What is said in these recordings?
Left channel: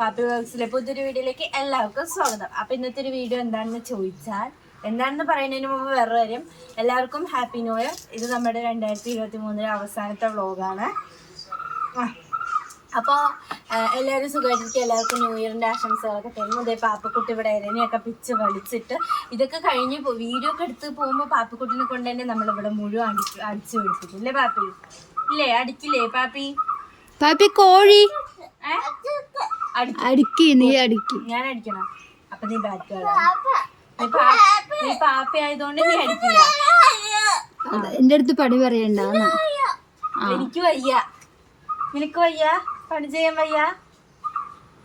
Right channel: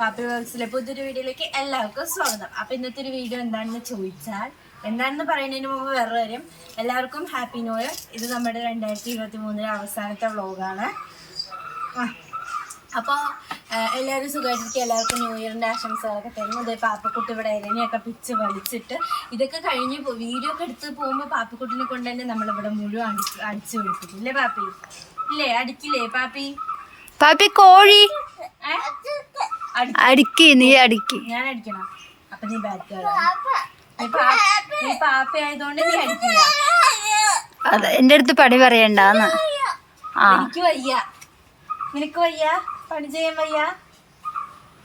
പാപ്പി വ്ളോഗ്സിലെ പുതിയൊരു വീഡിയോയിലേക്ക് എല്ലാവർക്കും സ്വാഗതം. അപ്പൊ ഇന്നത്തെ ഒരു വീഡിയോ എന്താണെന്ന് ചോദിച്ചാൽ എന്താണെന്ന് പറയുന്നതിന് മുമ്പ് വേറെ കാര്യം. എല്ലാവർക്കും ഹാപ്പി ന്യൂ ഇയർ ഇത് നമ്മുടെ രണ്ടായിരത്തി ഇരുപത്തി മൂന്നിലെ അവസാനത്തെ വ്ളോഗാണ് അപ്പോൾ എല്ലാവരും സുഖമായിട്ടിരിക്കും എല്ലാവർക്കും ന്യൂ ഇയറിന്റെ ആശംസകളൊക്കെ തരുന്നു. ഇതേ പാപ്പക്കുട്ടി ഇവിടെ ഇരനെയൊക്കെ പിച്ച് വലിച്ചിട്ട് ഇതൊക്കെ കഴിഞ്ഞ് വീഡിയോ ഒക്കെ എടുത്ത് പോകുമ്പോൾ പാപ്പക്കുട്ടിനെ കൊണ്ട് തന്നെ നമ്മളിവിടെ മുഴുവൻ അടിച്ച് അടിച്ചു വിളിപ്പിക്കും ഇല്ലേ പാപ്പി? ഇല്ലേ? അടിക്കില്ലേ പാപ്പി? പാപ്പി കോഴി. അടിക്ക്. നീ അടിക്ക്. ഞാൻ അടിക്കണം. അപ്പൊ നീ ബാറ്റ് നീ പാപ്പ നീ പാപ്പി ആയതുകൊണ്ട് നീ അടിക്കില്ല. അത് എന്റെ അടുത്ത് പണി പറയണ്ട ആ. എനിക്ക് വയ്യ. നിനക്ക് വയ്യ? പണി ചെയ്യാൻ വയ്യ?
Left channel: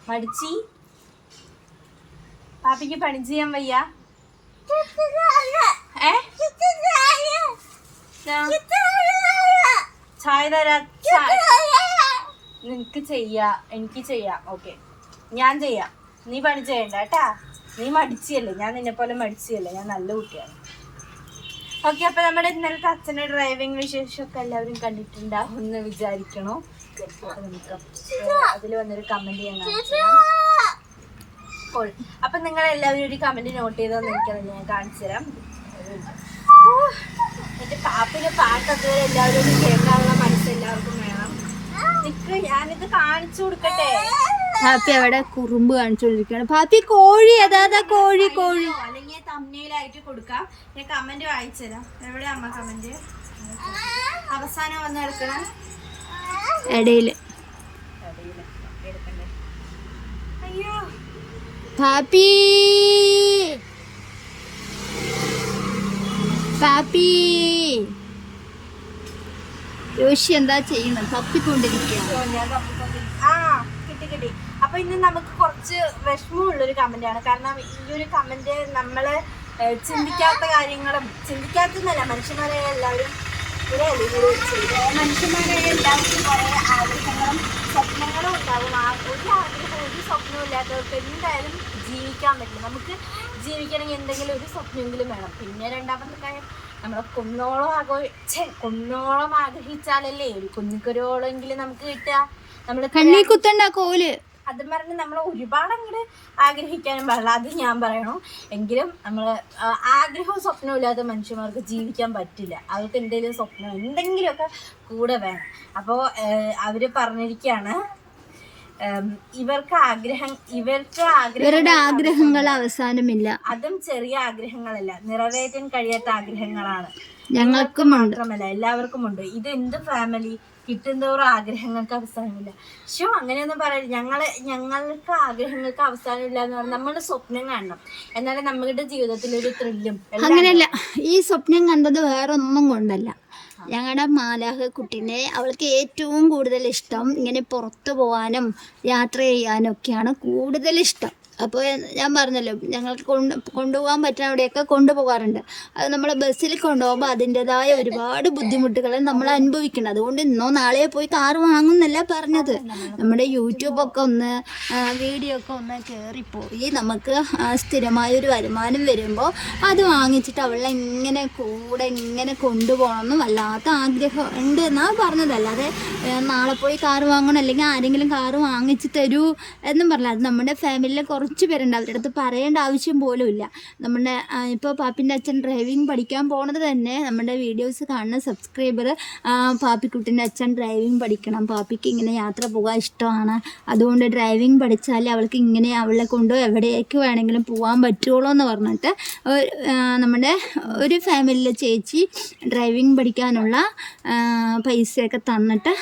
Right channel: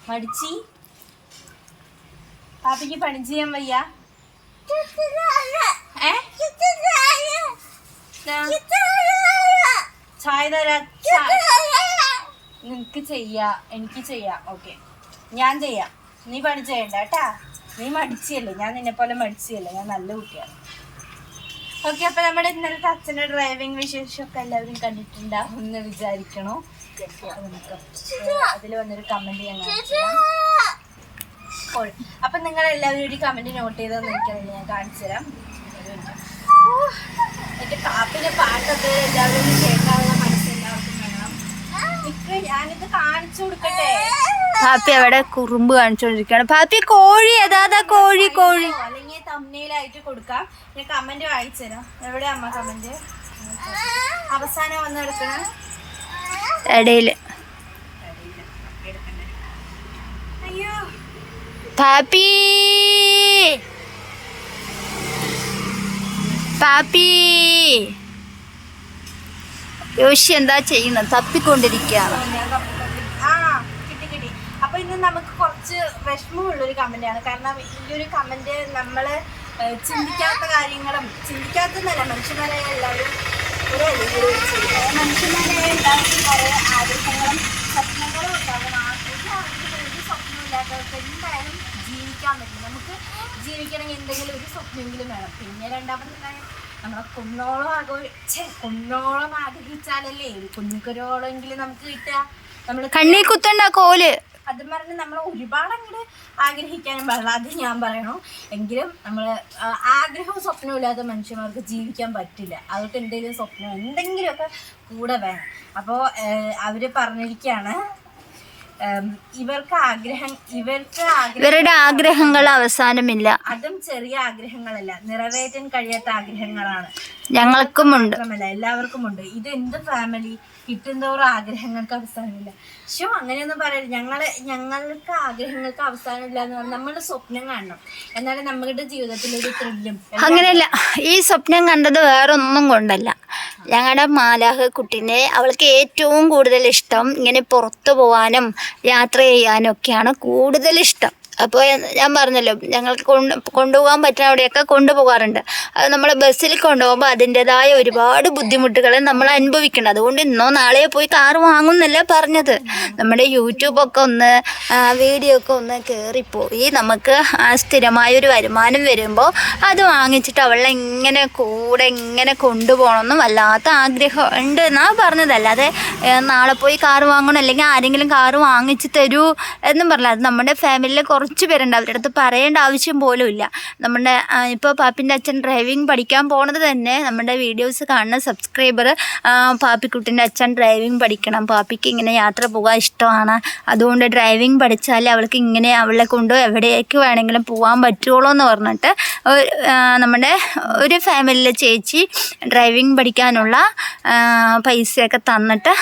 പഠിച്ചി? പാപ്പിക്ക് പണി ചെയ്യാൻ വയ്യ? ചായ തരാ. ചായ നിനക്ക് ചെയ്യാ എനിക്ക് ചെയ്യാം. ഓക്കെ ഞാൻ ചെയ്യാം. നീ പണി ചെയ്യണ്ട കേട്ടാ. നീ മടിച്ചല്ലേ? ഞാൻ നിന്നെ പോലെ മടിച്ചല്ലേ? ഞാൻ നല്ല കുട്ടിയാണ്. ഓക്കെ അപ്പൊ നമ്മുടെ ഇന്നലത്തെ അച്ഛന്റെ ഡ്രൈവിംഗ് വിശേഷമൊക്കെ എല്ലാവരും കണ്ടിട്ടുണ്ടാവും എന്ന് വിചാരിക്കണോ? അതിൽ വന്നൊരു കമന്റ് ഞാൻ അപ്പോൾ അപ്പൊ നിങ്ങൾ എല്ലാവരും ഒരു കമന്റ് നോട്ട് ചെയ്തോന്ന് എനിക്കറിയില്ല. ഞാൻ കാണിച്ചു തരാം. എന്റെ കാപ്പിന്റെ പാട്ടൊക്കെ എല്ലാവരും ഒന്ന് കേൾക്കാനുള്ള മനസ്സ് എല്ലാവർക്കും വേണം നിക്ക് ഞാനിത് കാണിച്ചു കൊടുക്കട്ടെ? പാപ്പി അവിടെ കുറുമ്പ് കാണിച്ചോണ്ടിരിക്കാണ് ഭാപ്പി കോഴി അതാ കോഴി കോഴി. അല്ലെങ്കിൽ കൊടുക്കാം. പിന്നെ കമന്റ് വായിച്ചു തരാം. എവിടെ അമ്മ കമന്റ് അവസാനം വന്ന് ഇടയിൽ. പാപ്പി പാപ്പി യോശി എന്താ ചെയ്യുന്നത്? തപ്പിക്കൊണ്ടിരിക്കുകയാണ് ഞാൻ കപ്പ- ആ കിട്ടി കിട്ടി അപ്പൊ ഇന്ന് നമുക്ക് കുറച്ച് വിഷമമുള്ള ഒരു കമന്റ് ആണ്. കാരണം ഈ ഒരു കമന്റ് നമ്മൾ ചിന്തിക്കാത്ത കാര്യങ്ങളും ചിന്തിക്കാത്തതല്ല മനുഷ്യന്മാരെ എല്ലാവരും ഒരു മനുഷ്യന്മാരെ എല്ലാവർക്കും കുറെ ആഗ്രഹങ്ങളും സ്വപ്നങ്ങളും ഉണ്ടാകും ഒരു ആഗ്രഹവും ഒരു സ്വപ്നവും ഇല്ലാത്തവർക്ക് എന്തായാലും ജീവിക്കാൻ പറ്റില്ല. നമുക്ക് ജീവിക്കണമെങ്കിൽ എന്തെങ്കിലും ഒരു സ്വപ്നമെങ്കിലും വേണം. പിന്നെ രണ്ടാമത്തെ കാര്യം നമ്മളെ കുന്നോളം ആഗ്രഹ കുന്നോളം ആഗ്രഹിച്ചാലല്ലേ ഒരു കുഞ്ഞിക്കൊരോളെങ്കിലും നമുക്ക് കിട്ടുക. നമ്മൾ കണ്ണീ കുത്തണ്ട കോൽ. അത് പറഞ്ഞ് നമ്മൾ ഒരുപാട് അങ്ങോട്ട് ആഗ്രഹിക്കാനും പാടില്ല. അത് ഞാൻ പറയണു. എങ്കിലും നമ്മൾ ആഗ്രഹവും സ്വപ്നവും ഇല്ലാതെ മനുഷ്യന്മാർക്ക് ജീവിക്കാൻ പറ്റില്ല. അവർക്ക് എന്തെങ്കിലും സ്വപ്നം എന്തെങ്കിലുമൊക്കെ കൂടെ വേണം. അപ്പോൾ അവർ പറഞ്ഞിരിക്കുകയാണ് ഇവർക്ക് ആഗ്രഹം ഇവർക്ക് ഇവരുടെ ആഗ്രഹങ്ങൾ അവസാനമില്ല. അതും ചെറിയ ആഗ്രഹങ്ങളല്ല. നിറവേറ്റാൻ കഴിയാത്ത ആഗ്രഹങ്ങളാണ്. ഞങ്ങൾക്കും ഉണ്ട്. എല്ലാവർക്കും ഉണ്ട്. ഇത് എന്ത് ഫാമിലി കിട്ടുന്തോറും ആഗ്രഹങ്ങൾക്ക് അവസാനമില്ല. ഷോ അങ്ങനെയൊന്നും പറയരുത്. ഞങ്ങളെ ഞങ്ങൾക്ക് ആഗ്രഹങ്ങൾക്ക് അവസാനമില്ല എന്ന് പറഞ്ഞാൽ നമ്മുടെ സ്വപ്നം കാണണം. എന്നാലും നമ്മുടെ ജീവിതത്തിൽ ഒരു ത്രില്ലും അങ്ങനെയല്ല. ഈ സ്വപ്നം കണ്ടത് വേറെ ഒന്നും കൊണ്ടല്ല. ഞങ്ങളുടെ മാലാഹ കുട്ടീനെ അവൾക്ക് ഏറ്റവും കൂടുതൽ ഇഷ്ടം ഇങ്ങനെ പുറത്തു പോകാനും യാത്ര ചെയ്യാനൊക്കെയാണ് കൂടുതൽ ഇഷ്ടം അപ്പോൾ ഞാൻ പറഞ്ഞല്ലോ ഞങ്ങൾക്ക് കൊണ്ട് കൊണ്ടുപോകാൻ പറ്റുന്ന അവിടെയൊക്കെ കൊണ്ടുപോകാറുണ്ട്. അത് നമ്മൾ ബസ്സിൽ കൊണ്ടുപോകുമ്പോൾ അതിന്റെതായ ഒരുപാട് ബുദ്ധിമുട്ടുകൾ നമ്മൾ അനുഭവിക്കണം. അതുകൊണ്ട് ഇന്നോ നാളെയോ പോയി കാർ വാങ്ങുന്നല്ല പറഞ്ഞത്. നമ്മുടെ യൂട്യൂബൊക്കെ ഒന്ന് വീഡിയോ ഒക്കെ ഒന്ന് കയറിപ്പോയി നമുക്ക് സ്ഥിരമായ ഒരു വരുമാനം വരുമ്പോൾ അത് വാങ്ങിച്ചിട്ട് അവളെ ഇങ്ങനെ കൂടെ ഇങ്ങനെ കൊണ്ടുപോകണമെന്നും വല്ലാത്ത ആഗ്രഹം ഉണ്ട് എന്നാ പറഞ്ഞത്. അല്ലാതെ നാളെ പോയി കാർ വാങ്ങണം അല്ലെങ്കിൽ ആരെങ്കിലും കാർ വാങ്ങിച്ച് തരൂ എന്നും പറഞ്ഞില്ല. അത് നമ്മുടെ ഫാമിലിയിൽ കുറച്ച് പേരുണ്ട് അവരുടെ അടുത്ത് പറയേണ്ട ആവശ്യം പോലും ഇല്ല. നമ്മുടെ ഇപ്പോൾ പാപ്പിന്റെ അച്ഛൻ ഡ്രൈവിംഗ് പഠിക്കാൻ പോണത് തന്നെ നമ്മുടെ വീഡിയോസ് കാണുന്ന സബ്സ്ക്രൈബർ പാപ്പിക്കുട്ടിന്റെ അച്ഛൻ ഡ്രൈവിംഗ് പഠിക്കണം. പാപ്പിക്ക് ഇങ്ങനെ യാത്ര പോകാൻ ഇഷ്ടമാണ്. അതുകൊണ്ട് ഡ്രൈവിംഗ് പഠിച്ചാൽ അവൾക്ക് ഇങ്ങനെ അവളെ കൊണ്ട് എവിടേക്ക് വേണമെങ്കിലും പോകാൻ പറ്റുള്ളൂ എന്ന് പറഞ്ഞിട്ട് നമ്മുടെ ഒരു ഫാമിലിയിലെ ചേച്ചി ഡ്രൈവിംഗ് പഠിക്കാനുള്ള പൈസയൊക്കെ തന്നിട്ട്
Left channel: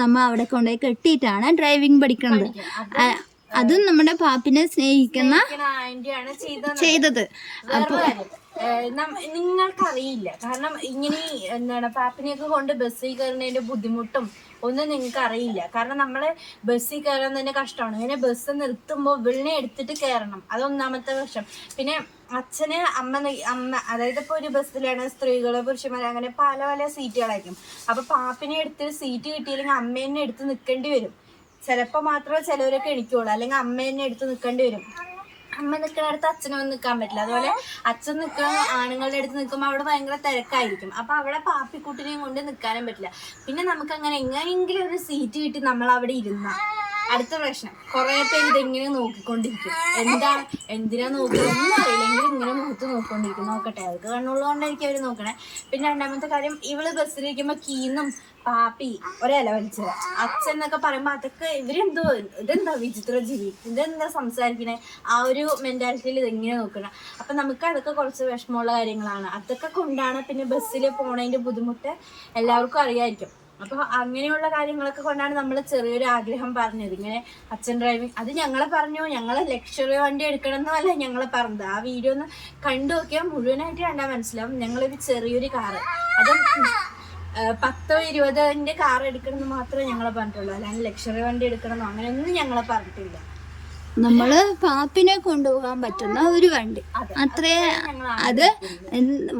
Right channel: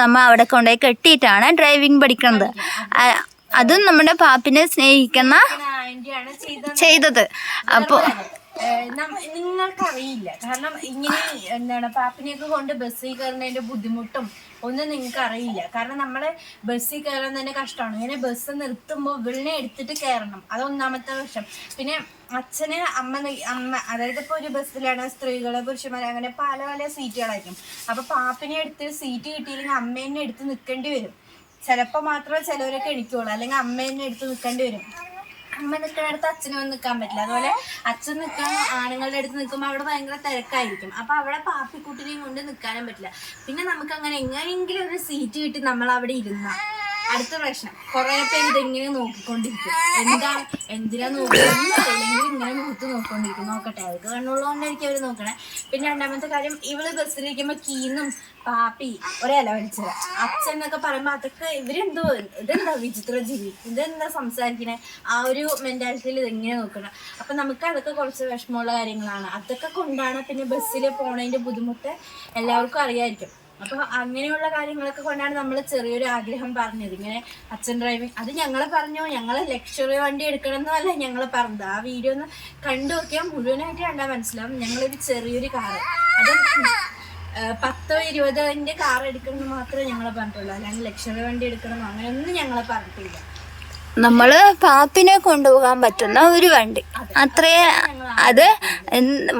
നമ്മൾ നമ്മ അവിടെ കൊണ്ടുപോയി കെട്ടിയിട്ടാണ് ഡ്രൈവിംഗ് പഠിക്കുന്നത്. അതും നമ്മുടെ പാപ്പിനെ സ്നേഹിക്കുന്ന ചെയ്തത്. അപ്പോൾ നിങ്ങൾക്കറിയില്ല. കാരണം ഇങ്ങനെ എന്താണ് പാപ്പിനെയൊക്കെ കൊണ്ട് ബസ്സിൽ കയറുന്നതിന്റെ ബുദ്ധിമുട്ടും ഒന്നും നിങ്ങൾക്ക് അറിയില്ല കാരണം നമ്മൾ ബസ്സിൽ കയറാൻ തന്നെ കഷ്ടമാണ്. ഇങ്ങനെ ബസ് നിർത്തുമ്പോൾ വിളിനെ എടുത്തിട്ട് കയറണം. അതൊന്നാമത്തെ വർഷം പിന്നെ അച്ഛന് അമ്മ അമ്മ അതായത് ഇപ്പോൾ ഒരു ബസ്സിലാണ് സ്ത്രീകൾ പുരുഷന്മാർ അങ്ങനെ പല പല സീറ്റുകളായിരിക്കും. അപ്പൊ പാപ്പിനെ എടുത്ത് സീറ്റ് കിട്ടിയില്ലെങ്കിൽ അമ്മേനെ എടുത്ത് നിൽക്കേണ്ടി വരും. ചിലപ്പോൾ മാത്രമേ ചിലവരൊക്കെ എണിക്കുള്ളൂ. അല്ലെങ്കിൽ അമ്മേനെ എടുത്ത് നിൽക്കേണ്ടി വരും. അമ്മ നിൽക്കുന്നിടത്ത് അച്ഛനൊന്നും നിൽക്കാൻ പറ്റില്ല. അതുപോലെ അച്ഛൻ നിൽക്കുന്ന ആണുങ്ങളുടെ അടുത്ത് നിൽക്കുമ്പോൾ അവിടെ ഭയങ്കര തിരക്കായിരിക്കും. അപ്പൊ അവിടെ പാപ്പിക്കുട്ടിനെയും കൊണ്ട് നിൽക്കാനും പറ്റില്ല. പിന്നെ നമുക്ക് അങ്ങനെ എങ്ങനെയെങ്കിലും ഒരു സീറ്റ് കിട്ടി നമ്മൾ അവിടെ ഇരുന്ന. അടുത്ത പ്രശ്നം. കുറെ പേര് ഇതിങ്ങനെ നോക്കിക്കൊണ്ടിരിക്കും. എന്താ എന്തിനാ നോക്കുന്നത്? അല്ലെങ്കിൽ ഇങ്ങനെ മുഖത്ത് നോക്കിക്കൊണ്ടിരിക്കും. നോക്കട്ടെ. അവർക്ക് കണ്ണുള്ളതുകൊണ്ടായിരിക്കും അവർ നോക്കണേ. പിന്നെ രണ്ടാമത്തെ കാര്യം ഇവൾ ബസ്സിലിരിക്കുമ്പോ കീന്നും പാപ്പി ഒരേല വലിച്ചത്. അച്ഛൻ എന്നൊക്കെ പറയുമ്പോ അതൊക്കെ ഇവരെന്തോ ഇതെന്താ വിചിത്ര ജീവി? ഇതെന്താ സംസാരിക്കണേ? ആ ഒരു മെന്റാലിറ്റിയിൽ ഇതെങ്ങനെ നോക്കണം? അപ്പൊ നമുക്ക് അതൊക്കെ കുറച്ച് വിഷമമുള്ള കാര്യങ്ങളാണ്. അതൊക്കെ കൊണ്ടാണ് പിന്നെ ബസ്സിൽ പോണതിന്റെ ബുദ്ധിമുട്ട് എല്ലാവർക്കും അറിയായിരിക്കും. അപ്പൊ അങ്ങനെയുള്ള കാര്യങ്ങളൊക്കെ കൊണ്ടാണ് നമ്മൾ ചെറിയൊരു ആഗ്രഹം പറഞ്ഞത്. ഇങ്ങനെ അച്ഛൻ ഡ്രൈവിംഗ് അത് ഞങ്ങളെ പറഞ്ഞു. ഞങ്ങൾ ലക്ഷറി വണ്ടി എടുക്കണം എന്നല്ല ഞങ്ങളെ പറഞ്ഞത്. ആ വീഡിയോ ഒന്ന് കണ്ടു നോക്കിയാൽ മുഴുവനായിട്ട് കണ്ടാൽ മനസ്സിലാവും. ഞങ്ങളൊരു ചെറിയൊരു കാറ് അത് പത്തോ ഇരുപതിന്റെ കാർ എടുക്കണം എന്ന് മാത്രമേ ഞങ്ങളെ പറഞ്ഞിട്ടുള്ളൂ. അല്ലാണ്ട് ലക്ഷറി വണ്ടി എടുക്കണം അങ്ങനെയൊന്നും ഞങ്ങളെ പറഞ്ഞിട്ടില്ല. നമ്മൾ പാപ്പിനെ കൊണ്ടുപോകാൻ പറ്റുന്ന ഒരു വണ്ടി. അത്രേ അത്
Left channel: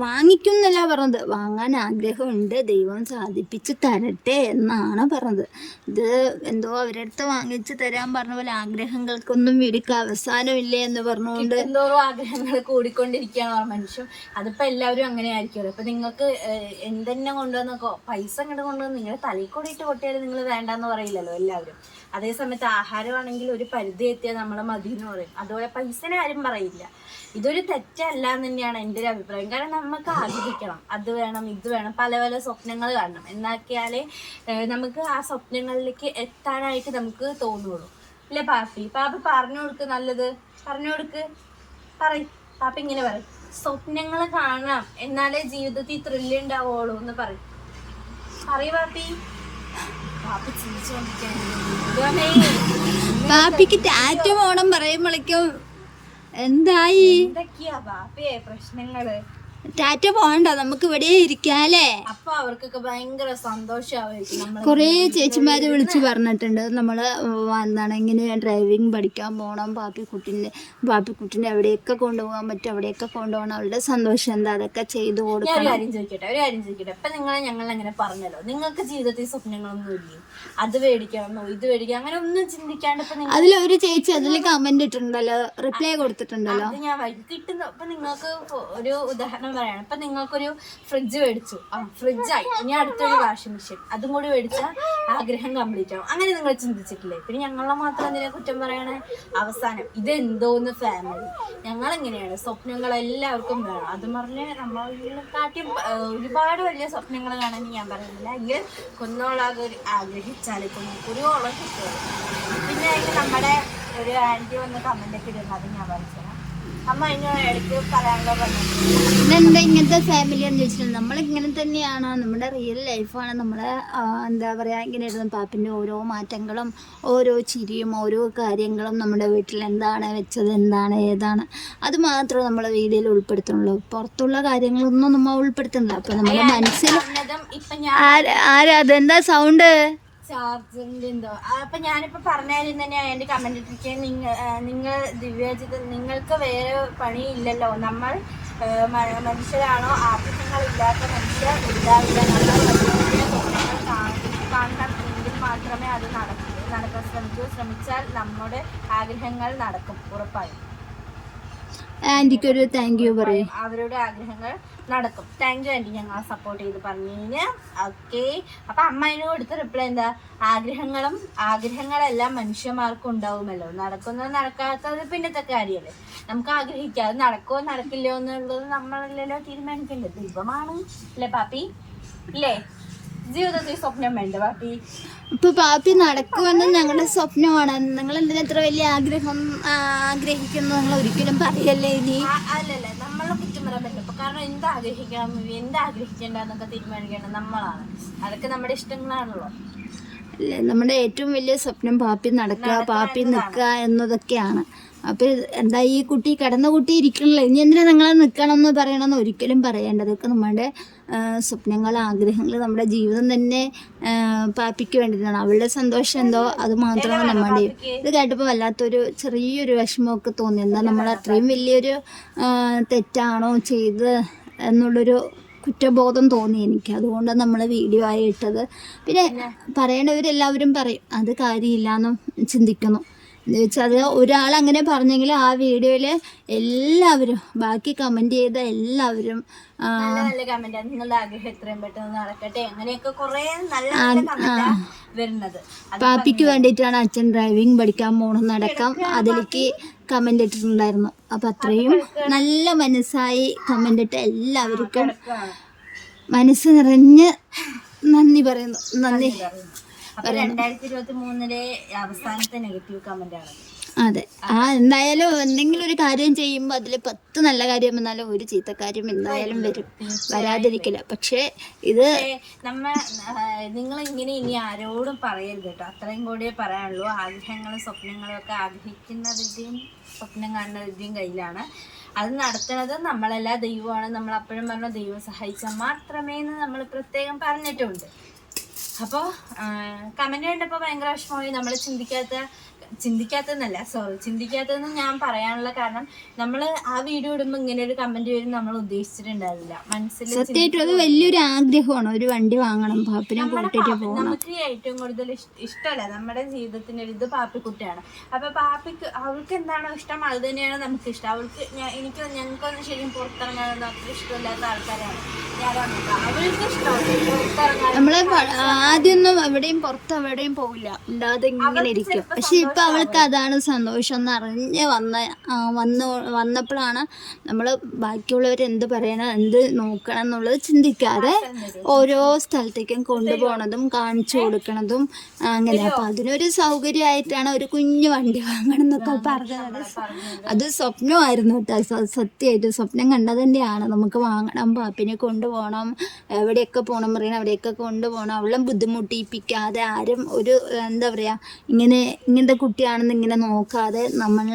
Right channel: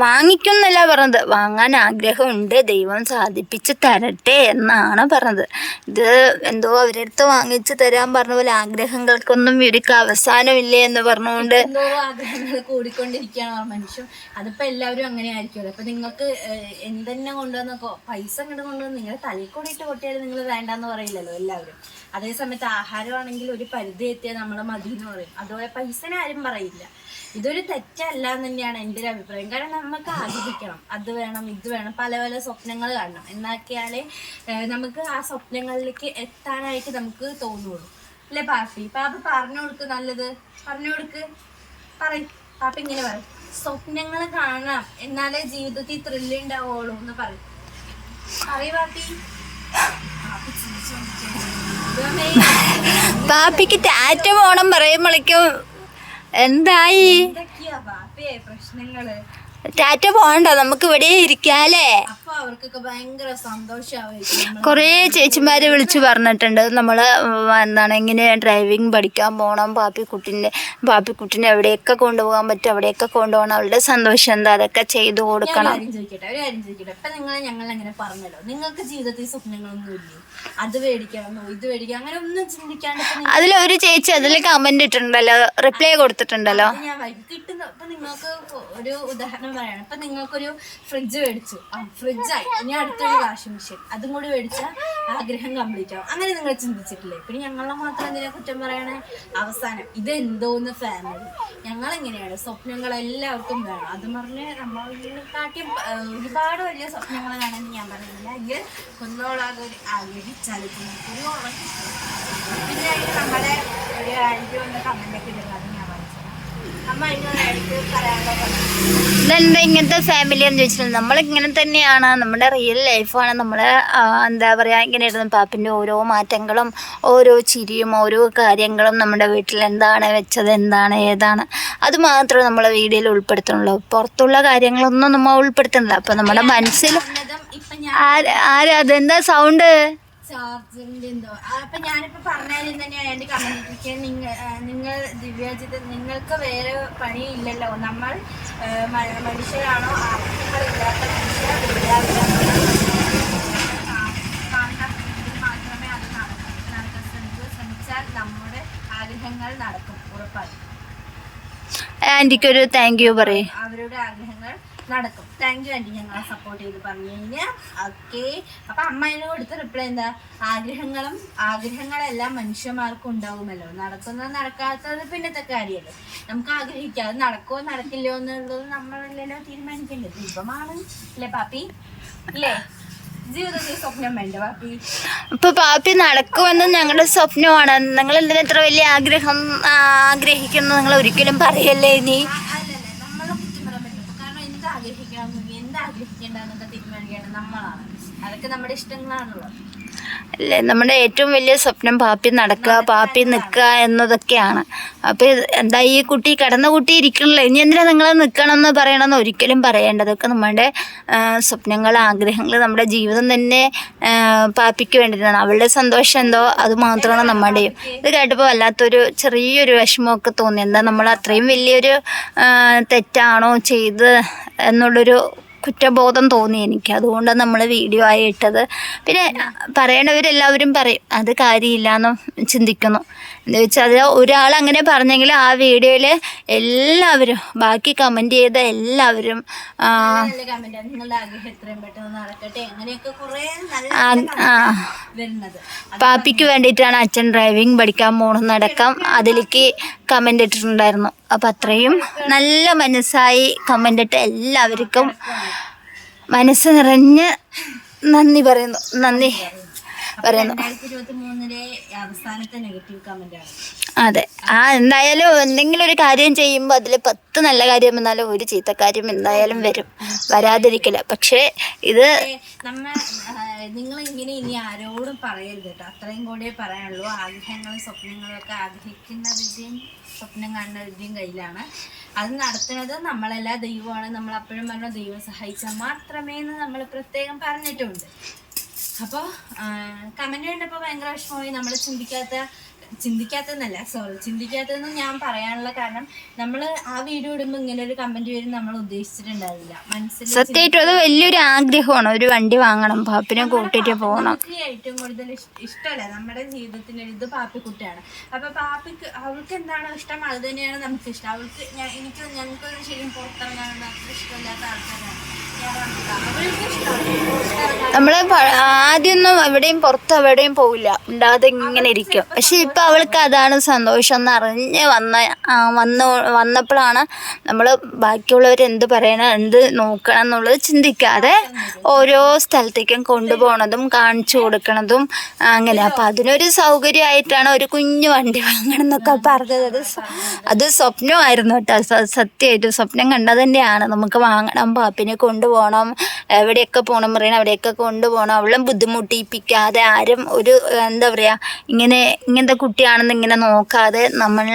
വാങ്ങിക്കുന്നില്ല പറഞ്ഞത്. വാങ്ങാൻ ആഗ്രഹമുണ്ട്. ദൈവം സാധിപ്പിച്ച് തരട്ടെ എന്നാണ് പറഞ്ഞത്. ഇത് എന്തോ അവരടുത്ത് വാങ്ങിച്ചു തരാൻ പറഞ്ഞ പോലെ ആഗ്രഹങ്ങൾക്കൊന്നും ഇവർക്ക് അവസാനമില്ലേ എന്ന് പറഞ്ഞുകൊണ്ട് എന്തോ ആഗ്രഹങ്ങൾ കൂടിക്കൊണ്ടിരിക്കുകയാണ് മനുഷ്യൻ. അതിപ്പോ എല്ലാവരും അങ്ങനെ ആയിരിക്കുമല്ലോ അപ്പൊ നിങ്ങൾക്ക് എന്തെന്നെ കൊണ്ടുവന്നോ പൈസ ഇങ്ങോട്ട് കൊണ്ടുവന്ന് നിങ്ങൾ തലയിൽ കൂടിയിട്ട് പൊട്ടിയാലും നിങ്ങൾ വേണ്ടെന്ന് പറയില്ലല്ലോ എല്ലാവരും. അതേ സമയത്ത് ആഹാരമാണെങ്കിൽ ഒരു പരിധി എത്തിയാൽ നമ്മളെ മതി എന്ന് പറയും. അതുപോലെ പൈസനെ ആരും പറയില്ല. ഇതൊരു തെറ്റല്ല എന്ന് തന്നെയാണ് എന്റെ ഒരു അഭിപ്രായം. കാരണം നമുക്ക് ആഗ്രഹിക്കണം. അത് വേണം ഇത് വേണം പല പല സ്വപ്നങ്ങൾ കാണണം. എന്നാക്കിയാലേ നമുക്ക് ആ സ്വപ്നങ്ങളിലേക്ക് എത്താനായിട്ട് നമുക്ക് തോന്നുള്ളൂ. അല്ലേ പാപ്പി? പാപ്പി പറഞ്ഞു കൊടുക്ക് നല്ലത്. പറഞ്ഞു കൊടുക്ക്. പറയും. പാപ്പ ഇങ്ങനെ പറയും. സ്വപ്നങ്ങൾ കാണണം. എന്നാലേ ജീവിതത്തിൽ ത്രില്ല് ഉണ്ടാവുള്ളൂ എന്ന് പറയും. പറയ് പാപ്പി. പാപ്പിക്ക് ടാറ്റ പോണം പറയുമ്പോഴേക്കും എന്തായി? പ്രശ്നങ്ങൾ? ടാറ്റ പോകണ്ട? നമുക്ക് ഇവിടെ ഇരിക്കാല്ലേ? അപ്പൊ ചേച്ചിമാര് വിളിച്ചു പറഞ്ഞിട്ടുണ്ട് നമ്മൾ കുറേ ചേച്ചിമാരെ വിളിച്ചു പറഞ്ഞിട്ടുണ്ട്. നമ്മൾ എന്താണ് ഇങ്ങനെ ഡ്രൈവിംഗ് പഠിക്കാൻ പോകണം പാപ്പിക്കുട്ടിന്റെ പാപ്പിക്കുട്ടിനെ എവിടെയൊക്കെ കൊണ്ടുപോകാൻ പറ്റും അവിടെയൊക്കെ കൊണ്ടുപോകണം അവളുടെ സന്തോഷം എന്താ? അതൊക്കെ ചെയ്തു കൊടുക്കണം. ഇപ്പൊ അങ്ങനെ പറഞ്ഞല്ലോ. നിങ്ങൾക്ക് ജീവിതത്തിൽ സ്വപ്നങ്ങളൊന്നും ഇല്ലേ? അത് മേടിക്കണമെന്നോ ഇത് മേടിക്കണം അങ്ങനെ ഒന്നും ചിന്തിക്കാണ്ട് ഒരു അതിലൊരു ചേച്ചി അതിൽ കമന്റ് ഇട്ടിട്ടുണ്ടല്ലോ റിപ്ലൈ കൊടുത്തിട്ടുണ്ടല്ലോ. ഞാൻ കിട്ടുന്ന നിങ്ങൾക്ക് ഒരു ഉദാഹരണം പറയാണ് ഇപ്പൊ നിങ്ങൾക്കൊരു ഫ്രിഡ്ജ് മേടിച്ചു. ആ ഫ്രിഡ്ജായി ഇനി അടുത്തൊരു വാഷിംഗ് മെഷീൻ അതും കൂടി മേടിച്ചാൽ ആഗ്രഹം കംപ്ലീറ്റ് ആവും. അങ്ങനെ നിങ്ങൾ ചിന്തിച്ചിട്ടില്ലേ? പിന്നെ ഞങ്ങളെ മാത്രം എന്തിനാ കുറ്റം പറയണേ? അവസാനം. ഇത് എന്തോന്ന് ഫാമിലി ഞങ്ങൾ എങ്ങനെയാണ് സ്വപ്നങ്ങൾ എല്ലാവർക്കും വേണം അത് പറഞ്ഞ് നമ്മളെക്കാട്ടിയും ഒരുപാട് വലിയ സ്വപ്നങ്ങൾ വേണമെന്ന് ഞാൻ പറയുന്നില്ല. എങ്കിൽ ഒരു ആഗ്രഹിച്ചാൽ കുന്നോളം കിട്ടും. പിന്നെ നമ്മുടെ ഒരു ആന്റി വന്ന് കമന്റൊക്കെ ഇടുന്നത് ഞാൻ പറഞ്ഞു ഇതെന്താ ഇങ്ങനത്തെ ഫാമിലി എന്ന് ചോദിച്ചിട്ടുണ്ട് നമ്മളിങ്ങനെ തന്നെയാണ്. നമ്മുടെ റിയൽ ലൈഫാണ് നമ്മൾ എന്താ പറയുക ഇങ്ങനെ ഇരുന്ന് പാപ്പിന്റെ ഓരോ മാറ്റങ്ങളും ഓരോ ചിരിയും ഓരോ കാര്യങ്ങളും നമ്മുടെ വീട്ടിൽ എന്താണ് വെച്ചത് എന്താണ് ഏതാണ്. അത് മാത്രമേ നമ്മൾ വീഡിയോയിൽ ഉൾപ്പെടുത്തുന്നുള്ളൂ. പുറത്തുള്ള കാര്യങ്ങളൊന്നും നമ്മൾ ഉൾപ്പെടുത്തുന്നില്ല. അപ്പം നമ്മുടെ മനസ്സിൽ ആരാ അതെന്താ സൗണ്ട് എന്തോ ആ, അപ്പൊ ഞാനിപ്പോ പറഞ്ഞാലും തന്നെ എന്റെ കമന്റ് ഇട്ടിരിക്കുക നിങ്ങൾ നിങ്ങൾ ദിവ്യാജിത് നിങ്ങൾക്ക് വേറെ പണിയില്ലല്ലോ. നമ്മൾ മനുഷ്യരാണോ? ആവശ്യങ്ങളില്ലാത്ത മനുഷ്യർ മാത്രമേ അത് നടക്കൂ. നടക്കാൻ ശ്രമിക്കൂ. ശ്രമിച്ചാൽ നമ്മുടെ ആഗ്രഹങ്ങൾ നടക്കും. ഉറപ്പായും. ആന്റിക്കൊരു താങ്ക് യു പറയും. അവരുടെ ആഗ്രഹങ്ങൾ നടക്കും. താങ്ക് യു ആന്റി ഞങ്ങളെ സപ്പോർട്ട് ചെയ്ത് പറഞ്ഞു കഴിഞ്ഞാൽ ഓക്കെ അപ്പം അമ്മ അതിന് കൊടുത്ത റിപ്ലൈ എന്താ? ആഗ്രഹങ്ങളും ആഗ്രഹങ്ങളെല്ലാം മനുഷ്യന്മാർക്കും ഉണ്ടാവുമല്ലോ നടക്കുന്നത് നടക്കാത്തത് പിന്നത്തെ കാര്യമല്ലേ? നമുക്ക് ആഗ്രഹിക്കാം. അത് നടക്കുമോ നടക്കില്ലയോ എന്നുള്ളത് നമ്മളല്ലല്ലോ തീരുമാനിക്കേണ്ടത്. ദീപമാണ് അല്ലേ പാപ്പി? ഇല്ലേ? ജീവിതത്തിൽ സ്വപ്നം വേണ്ട പാപ്പി? നടക്കുമെന്ന് ഞങ്ങളുടെ സ്വപ്നമാണ്. നിങ്ങൾ എന്തിനാ ഇത്ര വലിയ ആഗ്രഹം ആഗ്രഹിക്കുന്നു? നിങ്ങൾ ഒരിക്കലും പറയല്ലേ ഇനി ആ, അല്ലല്ല നമ്മളെ കുറ്റം പറയാൻ പറ്റില്ല ഇപ്പൊ കാരണം എന്ത് ആഗ്രഹിക്കണം എന്ത് ആഗ്രഹിക്കേണ്ടെന്നൊക്കെ തീരുമാനിക്കേണ്ടത് നമ്മളാണ്. അതൊക്കെ നമ്മുടെ ഇഷ്ടങ്ങളാണല്ലോ. അല്ലേ നമ്മുടെ ഏറ്റവും വലിയ സ്വപ്നം പാപ്പി നടക്കുക പാപ്പി നിൽക്കുക എന്നതൊക്കെയാണ്. അപ്പോൾ എന്താ ഈ കുട്ടി കിടന്ന കുട്ടി ഇരിക്കണല്ലോ? ഇനി എന്തിനാ നിങ്ങൾ നിൽക്കണം എന്ന് പറയണമെന്ന് ഒരിക്കലും പറയേണ്ടതൊക്കെ നമ്മുടെ സ്വപ്നങ്ങൾ ആഗ്രഹങ്ങൾ നമ്മുടെ ജീവിതം തന്നെ പാപ്പിക്ക് വേണ്ടിയിട്ടാണ്. അവളുടെ സന്തോഷം എന്തോ അത് മാത്രമാണ് നമ്മുടെയും ഇത് കേട്ടപ്പോൾ വല്ലാത്തൊരു ചെറിയൊരു വിഷമമൊക്കെ തോന്നി. എന്താ നമ്മൾ അത്രയും വലിയൊരു തെറ്റാണോ ചെയ്ത് എന്നുള്ളൊരു കുറ്റബോധം തോന്നി എനിക്ക്. അതുകൊണ്ടാണ് നമ്മൾ വീഡിയോ ആയി ഇട്ടത്. പിന്നെ പറയണവരെല്ലാവരും പറയും അത് കാര്യമില്ല എന്നും ചിന്തിക്കുന്നു. എന്ന് വെച്ചാൽ അത് ഒരാൾ അങ്ങനെ പറഞ്ഞെങ്കിൽ ആ വീഡിയോയിൽ എല്ലാവരും ബാക്കി കമന്റ് ചെയ്ത എല്ലാവരും കമന്റ് പാപ്പിക്ക് വേണ്ടിയിട്ടാണ് അച്ഛൻ ഡ്രൈവിംഗ് പഠിക്കാൻ പോണെന്നടക്കം അതിലേക്ക് കമന്റ് ഇട്ടിട്ടുണ്ടായിരുന്നു. അപ്പം അത്രയും നല്ല മനസ്സായി കമന്റ് ഇട്ട് എല്ലാവർക്കും മനസ്സ് നിറഞ്ഞ് നന്ദി പറയുന്നു. നന്ദി. രണ്ടായിരത്തി ഇരുപത്തി മൂന്നിലെ അവസാനത്തെ നെഗറ്റീവ് കമന്റ് ആണ്. അതെ. ആ എന്തായാലും എന്തെങ്കിലും ഒരു കാര്യം ചെയ്യുമ്പോൾ അതിൽ പത്ത് നല്ല കാര്യം വന്നാലും ഒരു ചീത്ത കാര്യം എന്തായാലും വരും. വരാതിരിക്കില്ല. പക്ഷേ ഇത് നമ്മ നിങ്ങൾ ഇങ്ങനെ ഇനി ആരോടും പറയരുത് കേട്ടോ. അത്രയും കൂടിയേ പറയാനുള്ളൂ. ആഗ്രഹങ്ങളും സ്വപ്നങ്ങളും ഒക്കെ ആഗ്രഹിക്കുന്നതിന്റെയും സ്വപ്നം കാണുന്നതിന്റെയും കയ്യിലാണ്. അത് നടത്തുന്നത് നമ്മളല്ല ദൈവമാണ്. നമ്മൾ അപ്പോഴും പറഞ്ഞ ദൈവം സഹായിച്ചാൽ മാത്രമേ എന്ന് നമ്മൾ പ്രത്യേകം പറഞ്ഞിട്ടുണ്ട്. അപ്പോൾ കമന്റ് കണ്ടപ്പോൾ ഭയങ്കര വിഷമമായി. നമ്മൾ ചിന്തിക്കാത്ത ചിന്തിക്കാത്തതെന്നല്ല. സോറി ചിന്തിക്കാത്തതെന്ന് ഞാൻ പറയാനുള്ള കാരണം നമ്മൾ ആ വീഡിയോ ഇടുമ്പോൾ ഇങ്ങനെ ഒരു കമന്റ് വരും നമ്മൾ ഉദ്ദേശിച്ചിട്ടുണ്ടാവില്ല. മനസ്സിൽ സത്യമായിട്ടും അത് വലിയൊരു ആഗ്രഹമാണ്. ഒരു വണ്ടി വാങ്ങണം പാപ്പിനെ കൂട്ടിയിട്ട് പോകണം ഏറ്റവും കൂടുതൽ ഇഷ്- ഇഷ്ടമല്ല. നമ്മുടെ ജീവിതത്തിന്റെ ഒരു ഇത് പാപ്പിക്കുട്ടിയാണ്. അപ്പൊ പാപ്പിക്ക് അവൾക്ക് എന്താണോ ഇഷ്ടം? അത് തന്നെയാണ് നമുക്ക് ഇഷ്ടം. അവൾക്ക് എനിക്ക് ഞങ്ങൾക്കൊന്നും ശരിക്കും പുറത്തിറങ്ങാൻ അത്ര ഇഷ്ടമില്ലാത്ത ആൾക്കാരാണ്. നമ്മൾ ആദ്യമൊന്നും എവിടെയും പുറത്ത് എവിടെയും പോവില്ല. ഉണ്ടാതെ ഇങ്ങനെ ഇരിക്കും. പക്ഷെ ഇപ്പൊ അവൾക്ക് അതാണ് സന്തോഷം എന്ന് അറിഞ്ഞ് വന്ന വന്ന വന്നപ്പോഴാണ് നമ്മൾ ബാക്കിയുള്ളവർ എന്ത് പറയണം എന്ത് നോക്കണം എന്നുള്ളത് ചിന്തിക്കാതെ ഓരോ സ്ഥലത്തേക്കും കൊണ്ടുപോകണതും കാണിച്ചു കൊടുക്കണതും അങ്ങനെ. അപ്പം അതിനൊരു സൗകര്യമായിട്ടാണ് ഒരു കുഞ്ഞു വണ്ടി വാങ്ങണം എന്നൊക്കെ പറഞ്ഞത്. അത് സ്വപ്നമായിരുന്നു കേട്ടോ. സത്യമായിട്ടും സ്വപ്നം കണ്ടത് തന്നെയാണ് നമുക്ക് വാങ്ങണം പാപ്പിനെ കൊണ്ടുപോകണം എവിടെയൊക്കെ പോകണം പറയണം അവിടെയൊക്കെ കൊണ്ടുപോകണം അവളും ബുദ്ധിമുട്ടിപ്പിക്കാതെ ആരും ഒരു എന്താ പറയുക ഇങ്ങനെ ഇങ്ങനത്തെ കുട്ടിയാണെന്ന് ഇങ്ങനെ നോക്കാതെ നമ്മൾ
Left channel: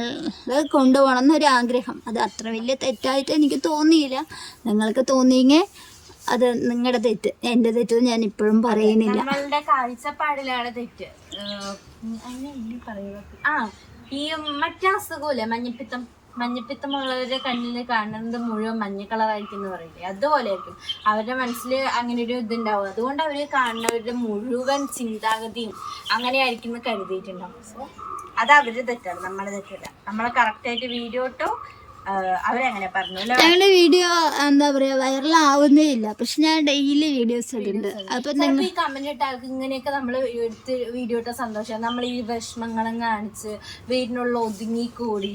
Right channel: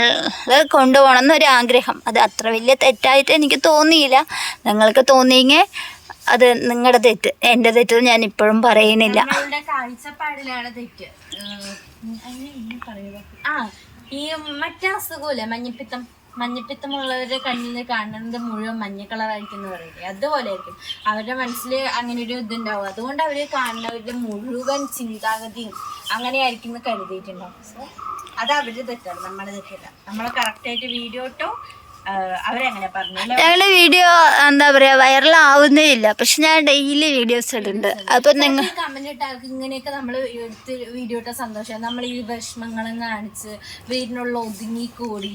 കൊണ്ടുപോകണം എന്നൊരു ആഗ്രഹം അത് അത്ര വലിയ തെറ്റായിട്ട് എനിക്ക് തോന്നിയില്ല. നിങ്ങൾക്ക് തോന്നിയെങ്കിൽ അത് നിങ്ങളുടെ തെറ്റ്. എന്റെ തെറ്റ് ഞാൻ ഇപ്പോഴും പറയുന്നില്ല. കാഴ്ചപ്പാടിലാണ് തെറ്റ്. ആ ഈ മറ്റേ അസുഖമില്ലേ മഞ്ഞപ്പിത്തം? മഞ്ഞപ്പിത്തമുള്ളവരുടെ കണ്ണിൽ കാണുന്നത് മുഴുവൻ മഞ്ഞ കളറായിരിക്കും എന്ന് പറയില്ലേ? അതുപോലെ ആയിരിക്കും അവരുടെ മനസ്സിൽ അങ്ങനെ ഒരു ഇതുണ്ടാവും. അതുകൊണ്ട് അവർ കാണുന്നവരുടെ മുഴുവൻ ചിന്താഗതിയും അങ്ങനെ ആയിരിക്കും എന്ന് കരുതിയിട്ടുണ്ടാവും. സോ അത് അവരുടെ തെറ്റാണ്. നമ്മളെ തെറ്റല്ല. നമ്മളെ കറക്റ്റായിട്ട് വീഡിയോ ഇട്ടോ അവരങ്ങനെ പറഞ്ഞു? ഞങ്ങളുടെ വീഡിയോ എന്താ പറയാ വൈറൽ ആവുന്നേ ഇല്ല പക്ഷെ ഞാൻ ഡെയിലി വീഡിയോസ് ഇടുന്നുണ്ട്. അപ്പൊ നിങ്ങൾ കമന്റ് ഇങ്ങനെയൊക്കെ നമ്മൾ എടുത്ത് വീഡിയോ ഇട്ട സന്തോഷം. നമ്മൾ ഈ വിഷമങ്ങളും കാണിച്ച് വീടിനുള്ള ഒതുങ്ങി കൂടി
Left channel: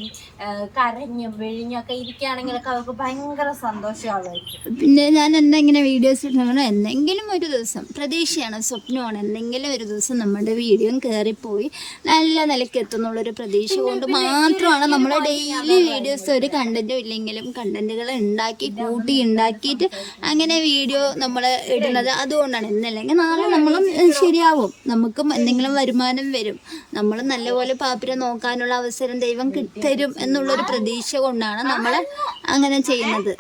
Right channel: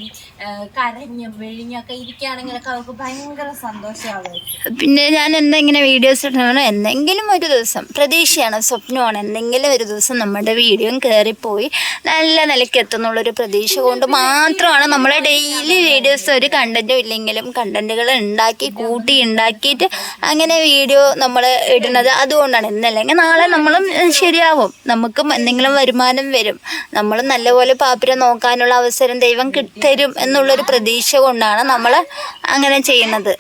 കരഞ്ഞും വിഴിഞ്ഞൊക്കെ ഇരിക്കുകയാണെങ്കിലൊക്കെ അവർക്ക് ഭയങ്കര സന്തോഷമാകുമായിരിക്കും. പിന്നെ ഞാൻ എന്തെങ്കിലും വീഡിയോസ് ഇടണോ എന്തെങ്കിലും ഒരു ദിവസം പ്രതീക്ഷയാണ് സ്വപ്നമാണ്. എന്തെങ്കിലും ഒരു ദിവസം നമ്മുടെ വീഡിയോയും കയറിപ്പോയി നല്ല നിലയ്ക്ക് എത്തുന്നുള്ളൊരു പ്രതീക്ഷ കൊണ്ട് മാത്രമാണ് നമ്മൾ ഡെയിലി വീഡിയോസ് ഒരു കണ്ടന്റും ഇല്ലെങ്കിലും കണ്ടന്റുകൾ ഉണ്ടാക്കി കൂട്ടി ഉണ്ടാക്കിയിട്ട് അങ്ങനെ വീഡിയോ നമ്മൾ ഇടുന്നത് അതുകൊണ്ടാണ്. ഇന്നല്ലെങ്കിൽ നാളെ നമ്മളും ശരിയാവും. നമുക്കും എന്തെങ്കിലും വരുമാനം വരും. നമ്മൾ നല്ലപോലെ പാപ്പിനെ നോക്കാനുള്ള അവസരം ദൈവം തരും എന്നുള്ളൊരു പ്രതീക്ഷ കൊണ്ടാണ് നമ്മൾ അങ്ങനെ ചെയ്യുന്നത്.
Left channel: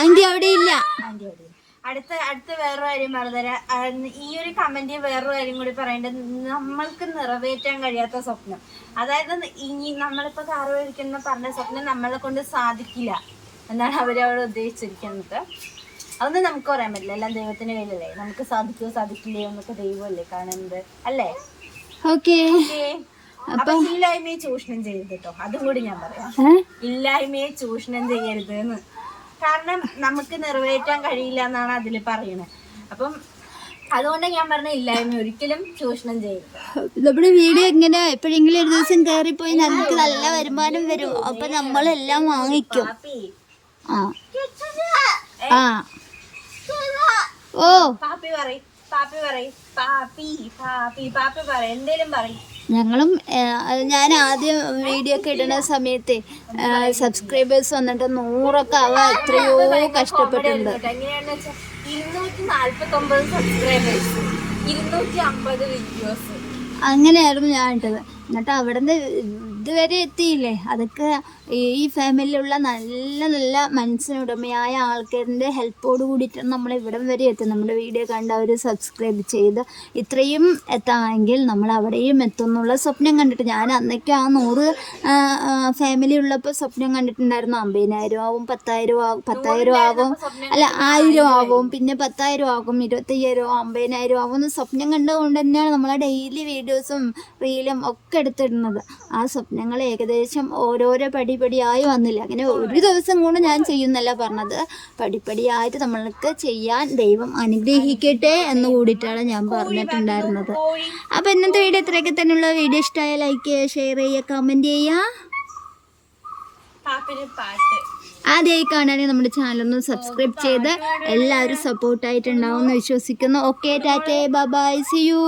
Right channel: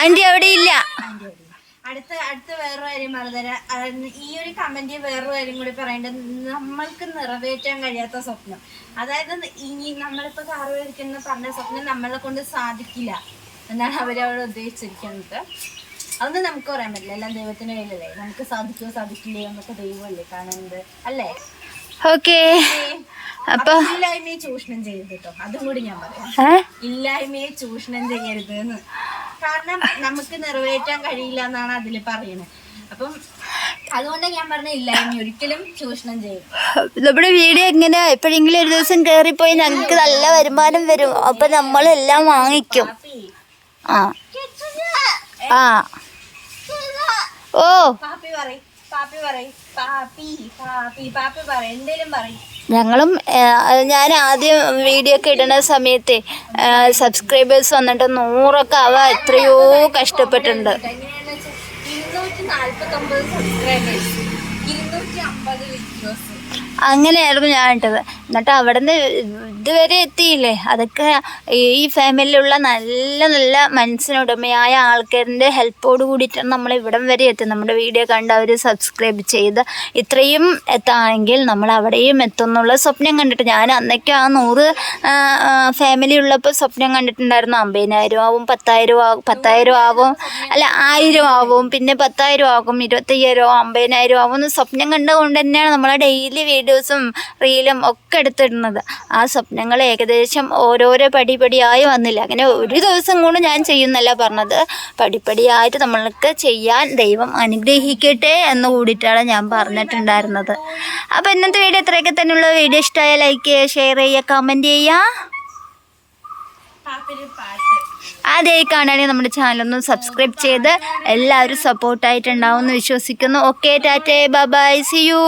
ആന്റി അവിടെ ഇല്ല. അടുത്ത അടുത്ത വേറൊരു കാര്യം പറഞ്ഞുതരാം ഈ ഒരു കമന്റ് വേറൊരു കാര്യം കൂടി പറയേണ്ടത്. നമ്മൾക്ക് നിറവേറ്റാൻ കഴിയാത്ത സ്വപ്നം. അതായത് ഇനി നമ്മളിപ്പോ കാറ് മേടിക്കുന്ന പറഞ്ഞ സ്വപ്നം നമ്മളെ കൊണ്ട് സാധിക്കില്ല. എന്നാണ് അവരവിടെ ഉദ്ദേശിച്ചിരിക്കുന്നത്. അതൊന്നും നമുക്ക് പറയാൻ പറ്റില്ല. എല്ലാം ദൈവത്തിന്റെ കയ്യിലല്ലേ? നമുക്ക് സാധിക്കുമോ സാധിക്കില്ലയോ എന്നൊക്കെ ദൈവമല്ലേ? കാണുന്നത് അല്ലേ? ഓക്കെ. അപ്പൊ ഇല്ലായ്മയെ ചൂഷണം ചെയ്യരുത് കേട്ടോ. അതും കൂടി ഞാൻ പറയാം. ഇല്ലായ്മയെ ചൂഷണം ചെയ്യരുത് എന്ന്. കാരണം നമുക്ക് നിറവേറ്റാൻ കഴിയില്ല എന്നാണ് അതിൽ പറയുന്നത്. അപ്പം അതുകൊണ്ട് ഞാൻ പറഞ്ഞ ഇല്ലായ്മ ഒരിക്കലും ചൂഷണം ചെയ്യരുത്. നമ്മുടെ വീഡിയോ എങ്ങനെ എപ്പോഴെങ്കിലും ഒരു ദിവസം കയറിപ്പോയി ഞങ്ങൾക്ക് നല്ല വരുമാനം വരും. അപ്പൊ നമ്മളെല്ലാം വാങ്ങിക്കും. ആ. ആ. ഓ. പാപ്പി പറയ് പാപ്പി പറയ്. പാപ്പി പാപ്പി പാപ്പി പറയ്. എന്തേലും പറയ്. ഞങ്ങളും ഞാൻ ആദ്യം വീഡിയോ ഒക്കെ ഇടുന്ന സമയത്ത് സബ്സ്ക്രൈബേഴ്സ് വന്നിട്ട് നൂറൊക്കെ ആവാൻ എത്രയോ കഷ്ടപ്പെട്ടിട്ടുണ്ട്. വെച്ചാൽ ഇരുന്നൂറ്റി നാല്പത്തി ഒമ്പത് സബ്സ്ക്രൈബേഴ്സ് ഇരുന്നൂറ്റി അമ്പത് വീഡിയോസ് അങ്ങനെയായിരുന്നു ഞാൻ ഇട്ടത്. എന്നിട്ട് അവിടെ നിന്ന് ഇതുവരെ എത്തിയില്ലേ? അതൊക്കെ ഈ ഫാമിലിയിലുള്ള നല്ല നല്ല മനസ്സിനുടമയായ ആൾക്കാരിന്റെ ഹെൽപ്പോട് കൂടിയിട്ടാണ് നമ്മൾ ഇവിടം വരെ എത്തി നമ്മുടെ വീഡിയോ കണ്ട് അവർ സബ്സ്ക്രൈബ് ചെയ്ത് ഇത്രയും എത്താമെങ്കിൽ നമ്മൾ അവിടെയും എത്തും എന്നുള്ള സ്വപ്നം കണ്ടിട്ട് ഞാൻ അന്നൊക്കെ ആ നൂറ് ഫാമിലി ഉള്ളപ്പോൾ സ്വപ്നം കണ്ടിട്ടുണ്ടായിരുന്നു. അമ്പതിനായിരം ആവും പത്തായിരം ആവും പത്തായിരം ആവും അല്ല ആയിരം ആവും പിന്നെ പത്തായിരം ആകും ഇരുപത്തയ്യായിരം ആവും അമ്പതിനായിരം ആവും എന്ന് സ്വപ്നം കണ്ടുകൊണ്ട് തന്നെയാണ് നമ്മളെ ഡെയിലി വീഡിയോസും റീലും ഒക്കെ എടുത്തിടുന്നത്. ആ സ്വപ്നങ്ങൾ ഏകദേശം ഓരോരോ പടിപടിയായി വന്നില്ല. അങ്ങനെ ഒരു ദിവസം കൊണ്ട് ഞാൻ ചെയ്യുന്നല്ല പറഞ്ഞത്. പടിപടിയായിട്ട് നമ്മൾക്ക് ചെയ്യാൻ ദൈവം അനുഗ്രഹിക്കട്ടെ എന്ന് കൂടിയിട്ടാണ് ഞാൻ പറഞ്ഞിട്ടുണ്ടായിരുന്നത്. അപ്പോൾ ഇന്നത്തെ വീഡിയോ ഇത്രയൊക്കെ തന്നെയുള്ള. വീഡിയോ ഇഷ്ടമായ ലൈക്ക് ചെയ്യുക ഷെയർ ചെയ്യുക കമന്റ് ചെയ്യുക. പാട്ട്. ആദ്യമായി കാണുകയാണെങ്കിൽ നമ്മുടെ ചാനലൊന്ന് സബ്സ്ക്രൈബ് ചെയ്ത് എല്ലാവരും സപ്പോർട്ടായിട്ടുണ്ടാവും എന്ന് വിശ്വസിക്കുന്നു. ഓക്കെ ടാറ്റേ ബൈ സി യു